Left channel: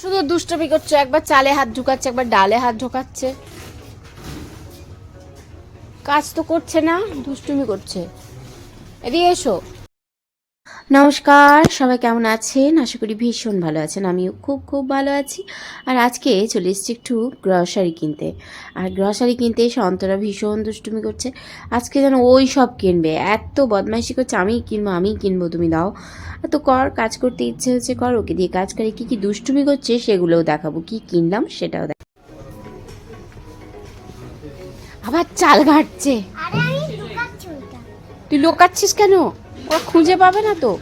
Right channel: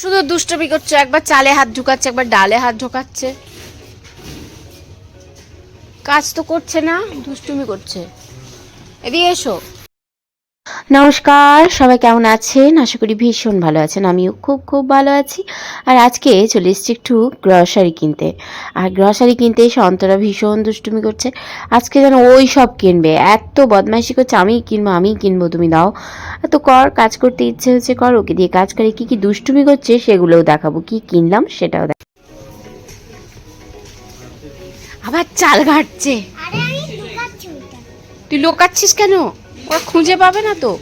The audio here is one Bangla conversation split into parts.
শুধু দুষ্টমি করছে, একবার চালে হাত ঢুকাচ্ছে, একবার ডালে হাত ঢোকাচ্ছে। কাজ তো করছে না, দুষ্টুমি করছে। এদিকে এসো। নমস্কার সবাই কেমন আছেন? আশা করি ভীষণ ভালো আছেন। আমিও খুব খুব ভালো আছি। আর আজকে চলে এসেছি একটু গ্রসারি কিনতে। আর গ্রসারি কিনতে এসে অন্তরা ভীষণ দুষ্টুমি করছে। আজকে যেন ওই সব কিনবে। এত বদমাইশি করছে আমিই কিনবো আমিই কিনবো তুমি দাও। তো কর কাজ করতে ইচ্ছে হচ্ছে কর ওকে দিয়ে কাজ করে কী কী দুষ্টুমি করছে সেগুলোও দেখাবো। কি কিনলাম সেটাও দেখ আবার চাল ঘাটছে। আমি তুই লোকাচ্ছিস কেন? ওরা খুঁজে পাবে না তো?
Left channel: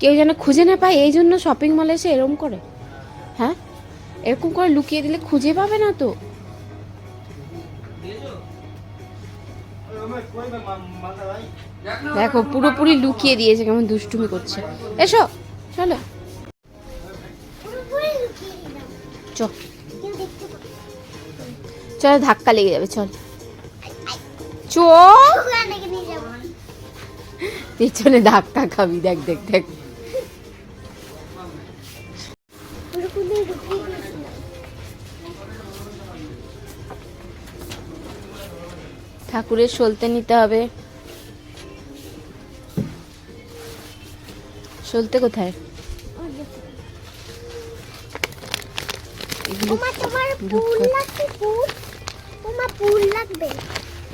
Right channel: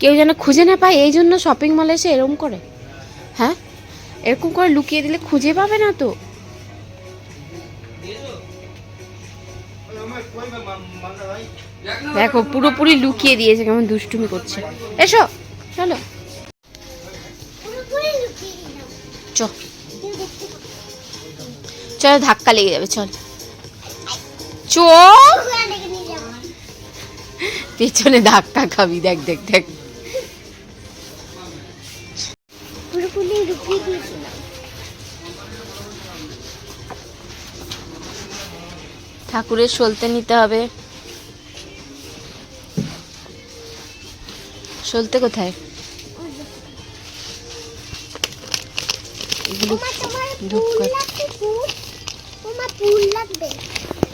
কেউ যেন খুঁজে না পায়, এই জন্য শপিং মলে এসে এরকম করে। হ্যাঁ? এরকম করে লুকিয়ে দিলে খুঁজে পাবে না তো? দেখো, পুরোপুরি লুকিয়ে দিয়েছে, কেমন দুষ্টুমি করছে। এসো, চলো। চল, ধাক্কা লেগে যাবে, চল। চ পেছনে ধাক্কা খাবি দেখ দেখ দেখ। ঠাকুরের সলতে নিতে হবে। সলতে কোথায়?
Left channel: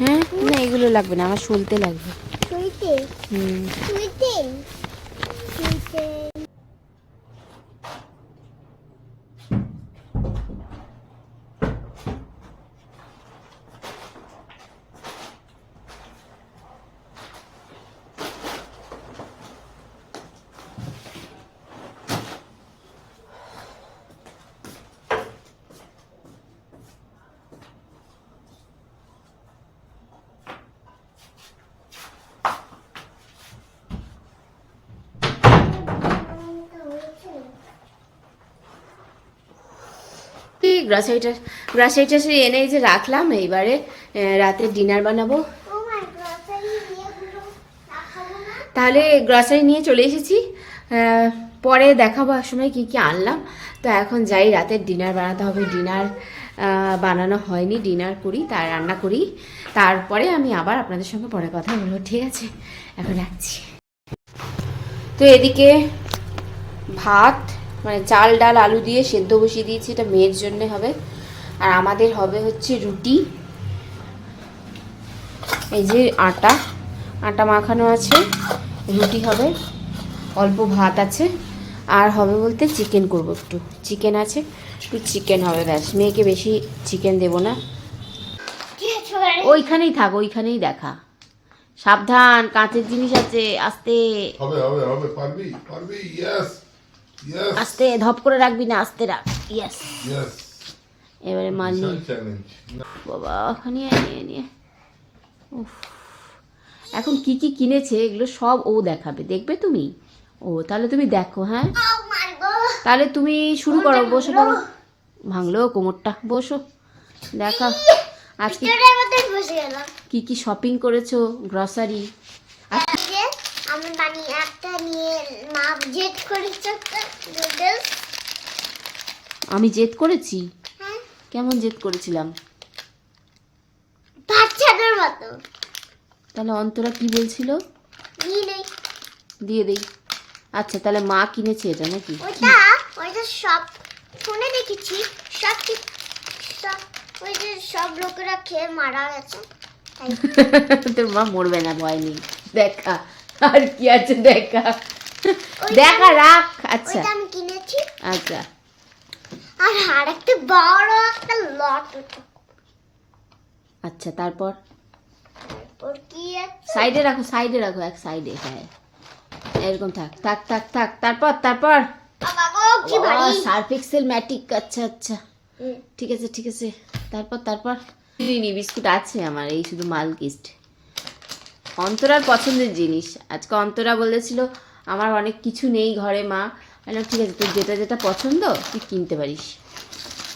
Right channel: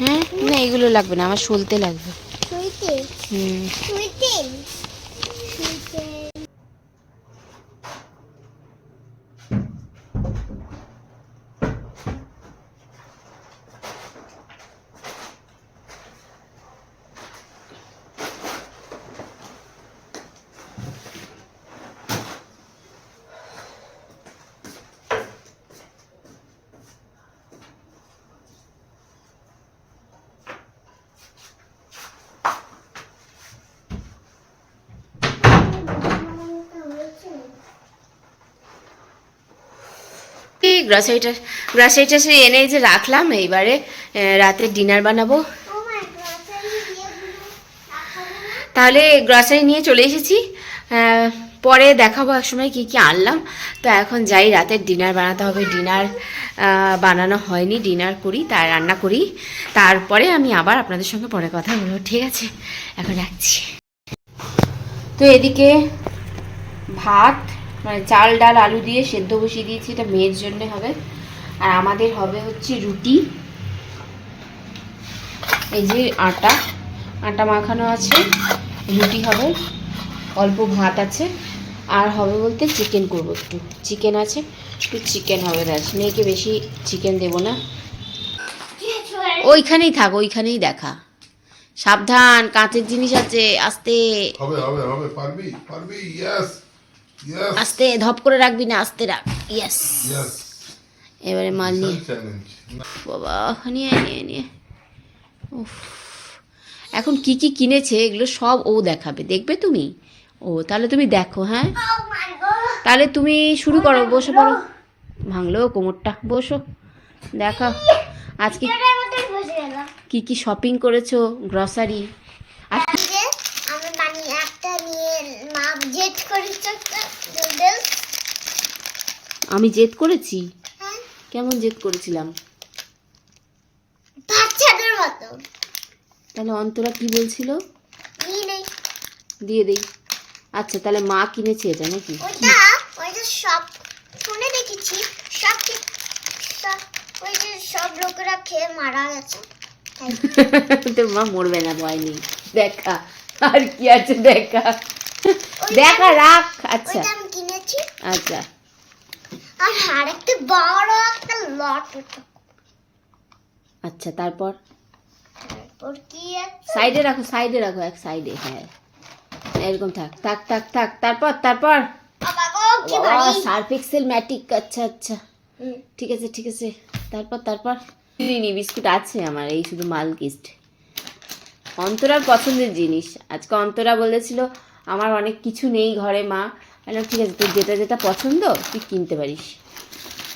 হ্যাঁ না এগুলো লাগবে না আমার সলতে লাগবে। Sweetin. গ্রাসারিটা গ্রাসারিটা সে এনে যে রাখলাম, এইবারে রাতে ডিনার বানাবো। তাহলে গ্রসারি নিয়ে চলে এসেছি। পরে দেখাবো এক সময় কী কী আনলাম। তো এখন যাই রাতের ডিনার বানাতে হবে। ডিনার বানানো হয়নি ডিনার করি তার রান্না করি। তারপরে আমি আবার আপনাদের সঙ্গে পরে কথা বলব, ঠিক আছে? এখন রাখছি। তো এদিকে ভাত মানে চাল, ডাল, আলু দিয়ে সেদ্ধ বসিয়ে দিয়েছি, এটা মেয়ের জন্য হবে। আর আমাদের হবে হচ্ছে রুটি। এই যে আটা আটা মাখানো আছে, রুটি হবে, অল্প ভাত আছে, আর হবে বলতে চিকেন করব একটু। চিকেন আছে, একটু চিকেন হবে ব্যাস। মেয়েকে বেশি চিকেন দেবো না। ওইখানেই থাক, ওইখানেই দেখা। সাবধান, কাঁচের জিনিস আছে, আস্তে। হবে হবে হবে, পারবি পারবি ইয়েস আস্তে ধপ করে রাখবি না আস্তে রাখ। ইয়েস ইয়েস এবারে মাল নিয়ে বাবা নিয়ে নিয়ে নিয়ে। উফ। এখন কি কি কিনেছে এগুলো সব ও দেখাবে। দেখবে তুমি? ও তাহলে তুমি দেখো হ্যাঁ? গড তাহলে তুমি শুরু করো বসে পড়ো। ভাঙলো। কোমরটা বসো দেখা। আজকে কি কি শপিং করেছ গ্রসারি আজকে আমি বানিয়ে একটা নিয়ে মা জেট করেছে আমি জেদ করেছি? হ্যাঁ। কেমন জেদ করেছিলাম? বাচ্চাদের মতো। তাহলে অন্তরা কি বলছিল? দিয়ে দেই। আচ্ছা তাহলে মা কিনেছে এটা নাকি? সব শুনে দেখেছি। সব সব ওই যে সব লোকেরা খেয়ে মারা গেছে। তোর মা মরবে না ভয় নেই। দেখা। আর কি আছে দেখা। দেখা রাখ আচ্ছা। আমি কিনেছি। আচ্ছা। আর আরেকটা বড় একটা লট আচ্ছা তারপর? তারপর কি সাইডে রাখো সাইডে রাখো এক সাইডে হ্যাঁ। এরকম থাক থাক থাক থাক তারপর তারপর? বাবা গো কি ভারী সার্ফ এক্সেল ম্যাটিক আচ্ছা আচ্ছা। ঠিক আছে ঠিক আছে। তারপর তারপর? দিইনি বিস্কুট আছে আমার এই শুধু মাল কিস্ট অন্তরার পছন্দের জিনিস। আজকে অন্তরা বলেছিল আমার অনেক কিছু নেই ঘরে মা। বললাম, ঠিক আছে তোর যেটা যেটা পছন্দ তুই কিনতে পারিস।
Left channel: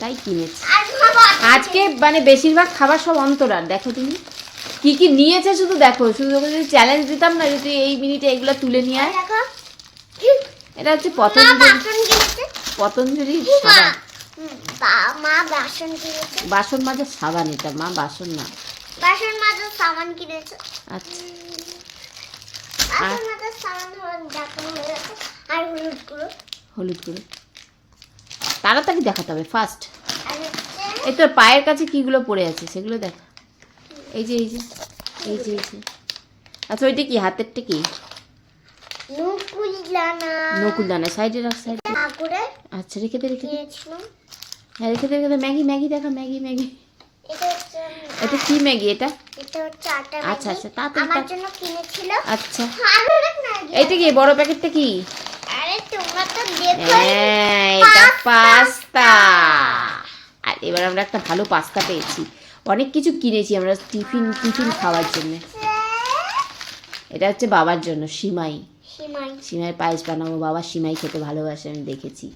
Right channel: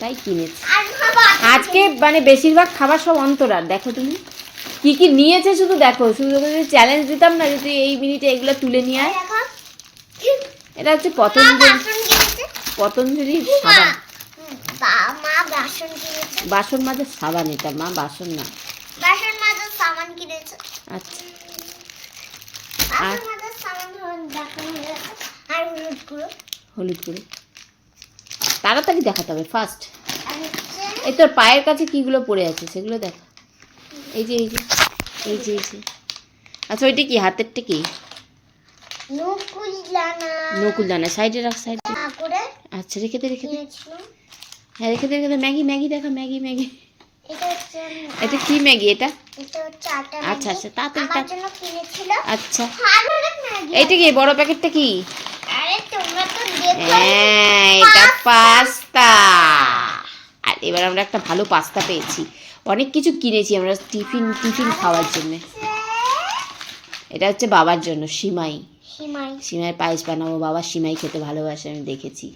তাই কিনেছি। আজকে। মানে বেশিরভাগ খাবার সব অন্তরার দেখো তুমি। কি কি নিয়েছে শুধু দেখো শুধু ওকে যদি চ্যালেঞ্জ দিতাম না যদি এই মিনিটে এগুলো তুলে নিয়ে আয়। এটা হচ্ছে পতঞ্জলি। পতঞ্জলি সাবান। বাসন মাজার সাবান এটা মা বাসন না। বাসন মাজার সাবান কিনেছে। আচ্ছা বাসন মাজার সাবান হলো দেখানো হয়ে গেছে আর হলুদ গুঁড়ো। তাড়াতাড়ি দেখাতে হবে ফার্স্ট এই তোর পায়ের কাছে কিগুলো পড়ে আছে সেগুলো দেখ। এই যে এই যে এই যে এই যে। আচ্ছা ওইটা কি হাতেরটা কি? নকুল দানা নকুল দানা সাইডে রাখ সাইডে। আচ্ছা রেখে দে রেখে দে। হ্যাঁ রেখে দে রেখে দে। ম্যাগি ম্যাগি দেখা ম্যাগি ম্যাগি। এটা এটা কি ম্যাগি এটা? এটা আচ্ছা, আচ্ছা, তাড়াতাড়ি, আচ্ছা। এইটা কি বড় প্যাকেটটা কি? হ্যাঁ এটা পাস্তা। আর এবার আমরা একটা ভালো পাস্তা পেয়েছি। অনেক কিছু কিনেছি আমরা টিফিন টিফিন খাওয়ার জন্য। এটা হচ্ছে বাবার জন্য সিমাই। সীমাই। পায়েস বানাবো বাবা সিমাই খেতে ভালোবাসে আমি দেখেছি।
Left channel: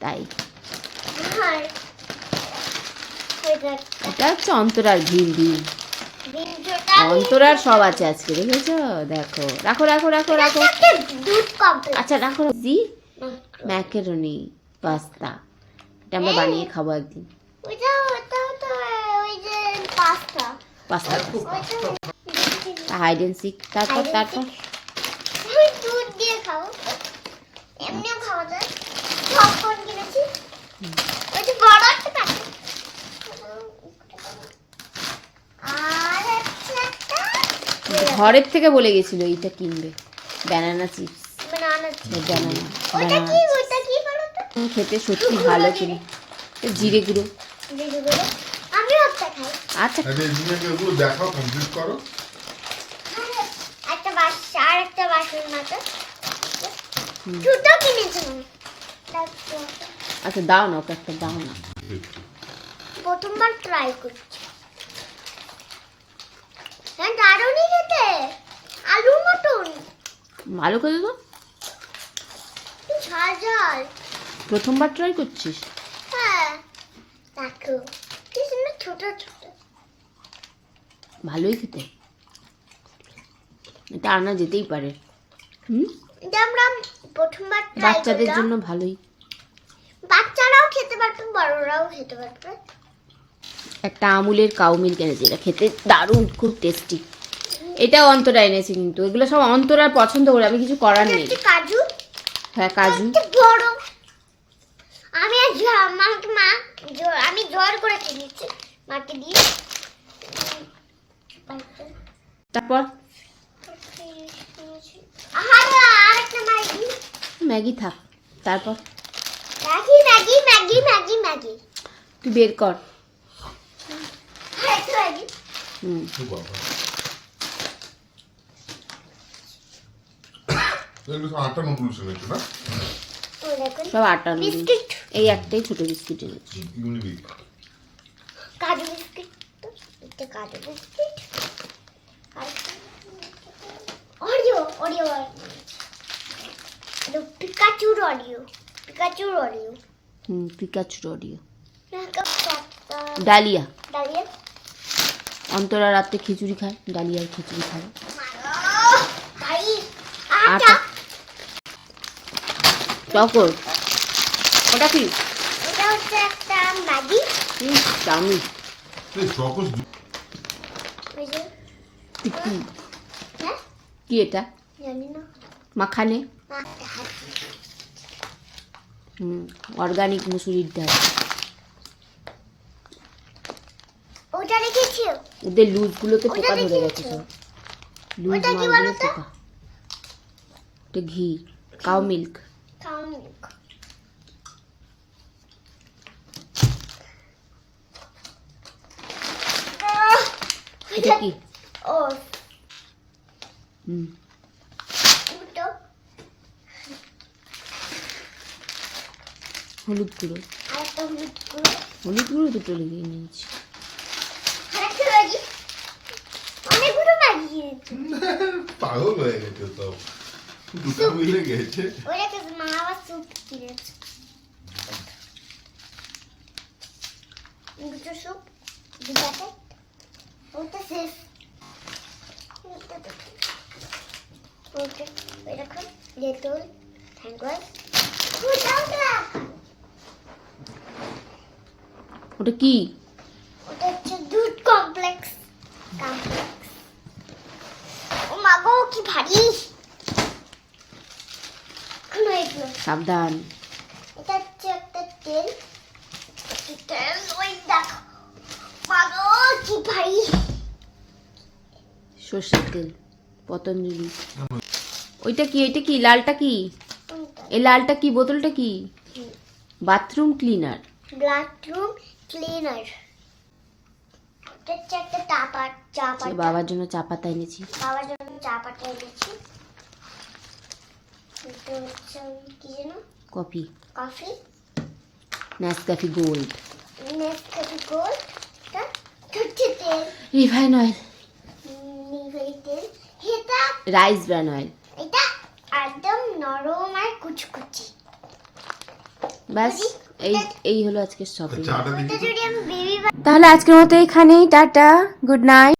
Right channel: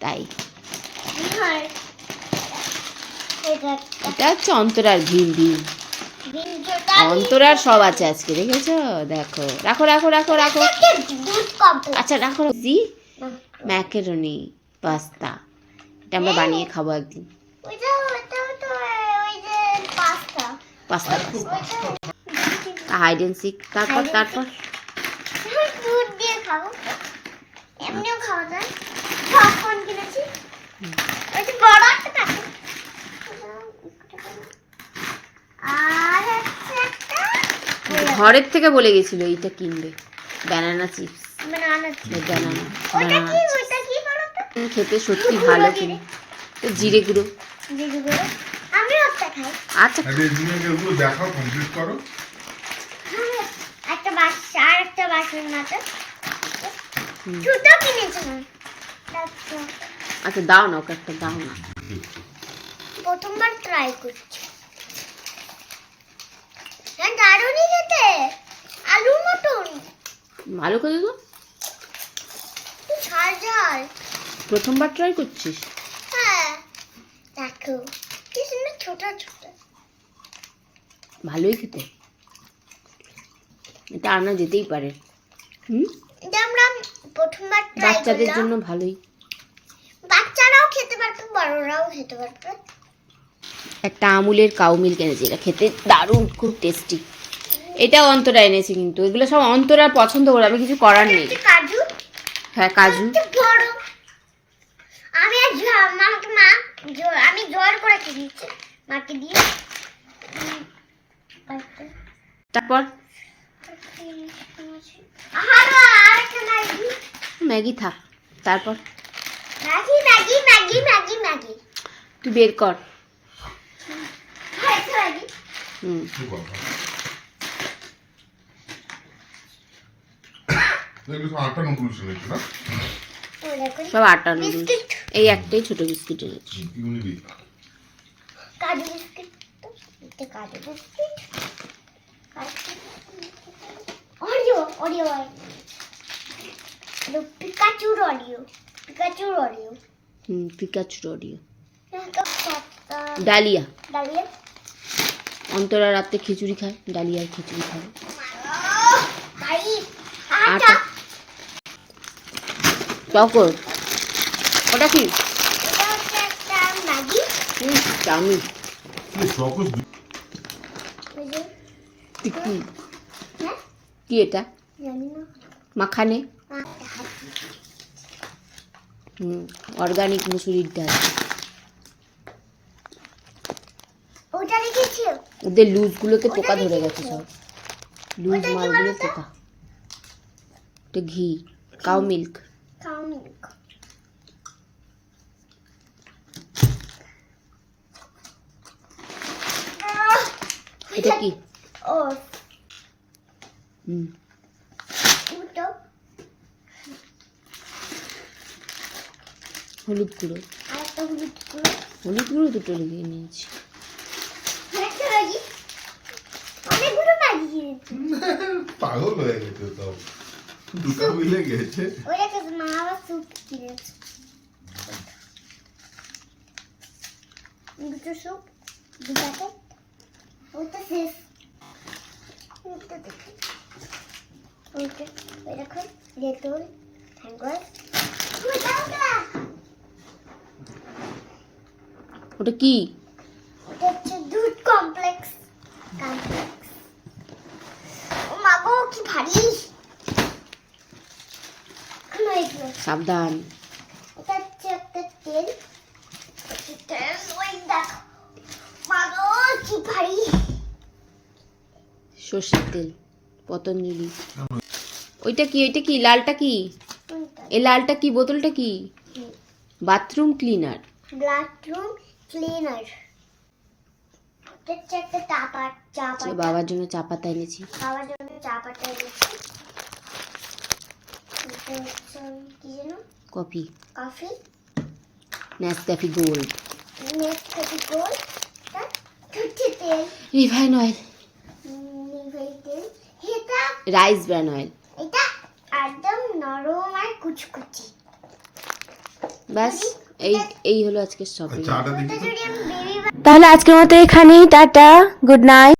তাই। এটা হচ্ছে অন্তরার ভীম অন্তরার সব আছে আজকে দেখেছ? দেখো। রাখো রাখো রাখো রাখো। আচ্ছা রাখো। জি? Macaroni pasta. এটা আমরা বানিয়ে খাব একদিন। পাস্তা। পাস্তা হাইড সিক তারপর তারপর এমনিও খাওয়া যায়। কিনেছি। বড় একটা থাকে আর হচ্ছে একটা ঘরের থেকে বলে গেছিল এইটা কিনবে। ব্যানানা চিপস ব্যানানা ব্যানানা খেতে সত্যি ভালো কিনে জিরে গুঁড়ো। আচ্ছা। আরে জিনাকে ওগুলো দেখাও কমপ্লিট করো। একটা বাস আর একটা বাসন মাত্র হুম। কিনেছিলাম আচ্ছা দাও না ওকে একটা দাও না। প্রথমবার ট্রাই করছি। হ্যাঁ দারুণই খেতে। আলুর মতন। ভালো করে তো ঝাল ঝাল। প্রথমবার ট্রাই করছিস? হ্যাঁ দেখো কি সুন্দর ছোট ছোট। ভালোই খেতে। এটা আনা যেতেই পারে। হুম? আমরা প্রথমবার বাচ্চাদের জন্য ভালোই। বাচ্চারাও খেতে পারবে বড়রাও খেতে পারবে। একটা আমুলের কাউ মিল্ক এনেছি এটা খেতে দারুণ খুব টেস্টি এটা অন্তরা এনেছি কিন্তু। এগুলো সব অন্তরার পছন্দ করে আমি কিছু করার নেই। কাজু। হ্যাঁ কাজু। আমি মা আমি জোর করে কিনেছি মাকে দিয়ে। তারপর? ম্যাগি। ম্যাগি থাক। তারপর? Maggi Maggi Maggi Maggi Maggi. তুই বের কর। হুম সব আটা নুডলস। এই একটাই ছোট বিস্কিট এনেছি। কাজু বিস্কিট তো কাজু বিস্কিট। অরিও অরিও পিকাচুর অরিও পিকাচুর অরিও হুম পিকাচুর অডিও ডালিয়া। ডালিয়া? অন্তরা রাত্রে খিচুড়ি খায় ডালিয়ার খিচুড়ি খায়। ভাই আটা। চকর। ওটা কি? চাউমিন হ্যাঁ? কি এটা? মাখানে? হুম অর্গানিক মুসুরির ডাল ওটা রেখেছি ওদের লুজগুলোতে পোকা ধরে গেছে সব। লুজ মালগুলো পোকা। এটা ঘি কাউ মিল্ক এটা কি? ও হুম। হলুদ গুঁড়ো। হলুদ গুঁড়ো। হলুদ গুঁড়ো দুটো লিখে নিয়েছি। পাগল হয়ে গেছে সব দুটো মিলে গেছে। ওরে মা আবার স্যুপ দুটো স্যুপ দু ওটা শেষ। ওটা দেখি। ওটা এরকম ডেটল হ্যাঙ্গার ওটা কি? সাবধান। এটা হচ্ছে একটা তেল। তেল ওই দেখো। মাগো কি ভারী সর্ষের তেল পতঞ্জলি। ওইটা কি ওইটা কি লালটা কি? এই লালটা কি বোতলটা কি? Bathroom cleaner. Bathroom cleaner. বাবার জন্য চা পাতা এনেছি। খাওয়ার জন্য চা পাতা এনেছি। Coffee. Coffee. Nescafe gold next coffee গোল এটা হচ্ছে তেল। রিফাইন অয়েল নিভেই তেল। এটা রাইস ব্র্যান অয়েল এটা একদম নরম আর কুচকুচি। ব্যাস এই এই হলো আজকের শপিং বেবি তাহলে আজকের মতো এখানেই টাটা গুড নাইট